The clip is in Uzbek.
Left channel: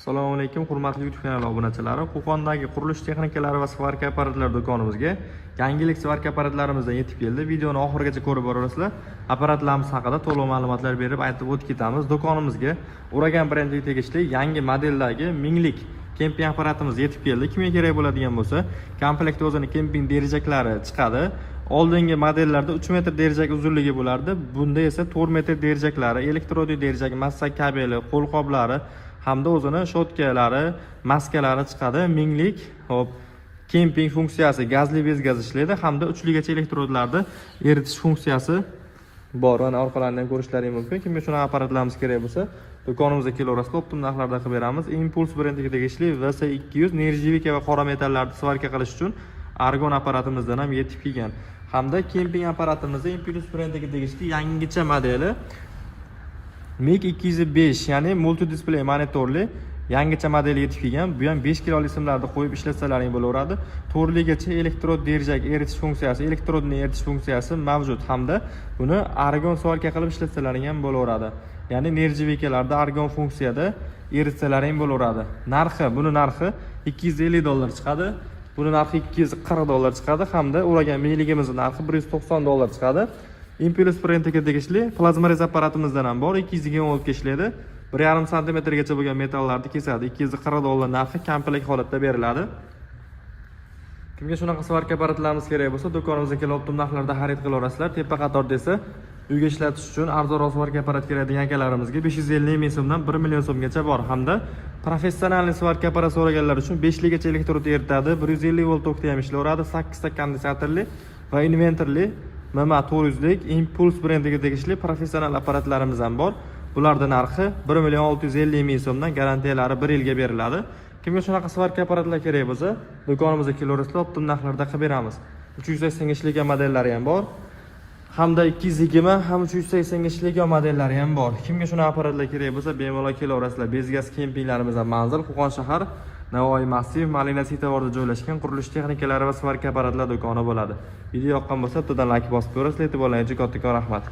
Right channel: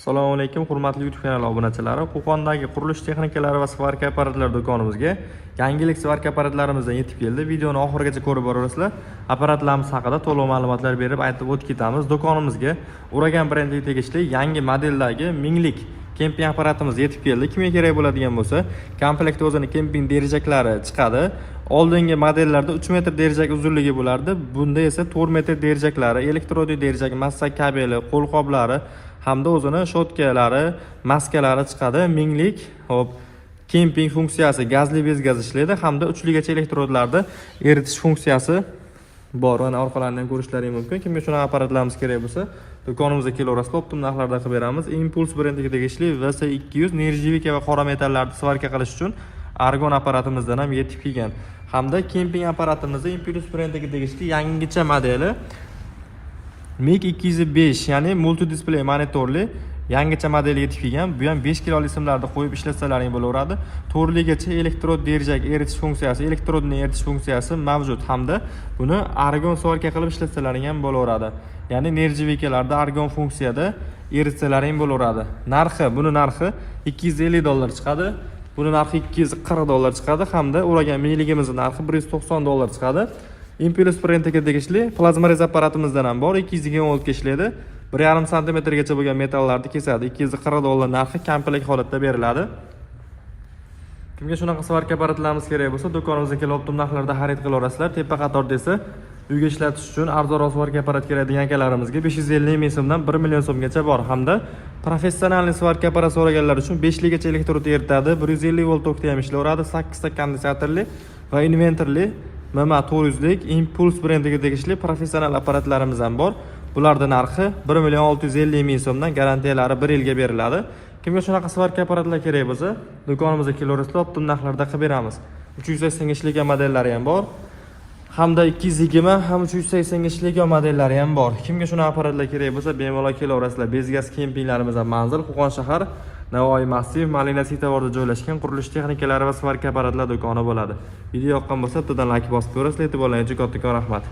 Assalomu alaykum, hurmatli YouTube kanali obunachilari. Qo'qondagi qurilish texnikalari va svarka apparatlari do'konimizga yangilik svarka apparatlarimizdan yetib keldi. Videoni oxirigacha ko'rib borasizlar. Apparatlarimiz haqida to'liq ma'lumotlar berib aytib o'tib ketamiz. Do'konimizga Uragan brendiga tegishli yangi modeldagi minglik kemping apparatimiz yetib keldi. Kimga kerak bo'ladigan bo'lsa, komplektda o'zini kemping derajaklari chiqadi. Oldingi modellarda 3 metr derazak uzunligi bo'lardi. Bunda esa 4 metr derajaklari, elektrodli derazak, massa kabeli, qo'lqoplari hamda o'zini shotkalari, maskalari chiqadi. Minglik, hop, kemping funksiyasi gazli bez gaz ishlaydi hamda uchligacha elektrodlarda eritish funksiyasi bor. Mana orqalaridan ko'rishlaring mumkin. Kimga shunaqa apparatlarimiz kerak bo'lsa, do'konimizga kelaverasizlar, optim narxlarda qilib beramiz. Impulse brendiga tegishli VS200 nержавейка va qora metallarni svarka qilish uchun argon apparatimizdan ham yetib kelgan. Hamda kemping apparatimizda Impulse brendiga tegishli yangicha modeli MiG 205, ya'ni multi display monitorli yangicha model yetib kelgan. Bu ham 5 kiloli simlarni qo'yib ishlatsalaring bo'laveradi. To'rtligacha elektrod derazak eritish funksiyasi, elektrodni eritish funksiyasi mavjud hamda buni argon svarka qilib ishlatsalaring ham bo'laveradi. Ya'ni nержавейкаlarda argon funksiyada eritsalaring bo'laveradi. Buni narxi $250 chiqadi. Buni narxi $240 chiqadi hamda Uragan mingligimizning narxi $190 chiqadi. Impulse brendiga tegishli plazma rez apparatimizdan ham bor. 220 volt ga ishlaydi. 1,5 cm gacha bo'lgan metallarni kesadi. $240 narxi komplekt holatda beriladi. Kimga shunaqa svarka apparatlarimiz kerak bo'lsa, do'konimizga kelib optim narxlarda xarid qilaverasizlar. Tepa qatorda esa uyga ishlatish uchun arzonroq svarka apparat kerak degan akalarimizga 550 ming so'mdan 1 million so'mgacha bor hamda professional svarka apparat so'raganlar uchun 5 ligacha elektrod eritadi. 150 volt tokda ham ishlayveradi. 8 ta kondinsatorli va invertorli MMA 400 lik Impulse brendiga tegishli professional apparatlarimiz ham bor. Bularning narxi 1 million 650 ming so'mdan, garantiyalari 1 yilga beriladi. Kimga shunaqa svarka apparatlar kerak bo'lsa, do'konimizga kelaverasizlar, optim narxlarda qilib beramiz. 380 ishligan modellari ham bor. Hamda 220 ham 380 ishligan modellari ham bor. Kimga shunaqa apparatlar kerak bo'lsa, bemalol kelaverasizlar. Bezgaz kempinglarimiz ham manzil Qo'qon shahar Navoiy massiv Malina Sitavorda joylashgan qurilish texnikalari va svarka apparatlar do'koni bo'ladi. Video yoqqan bo'lsa, bittadan like bosib ko'rasizlar. E'tiborlaringiz uchun kattakon rahmat.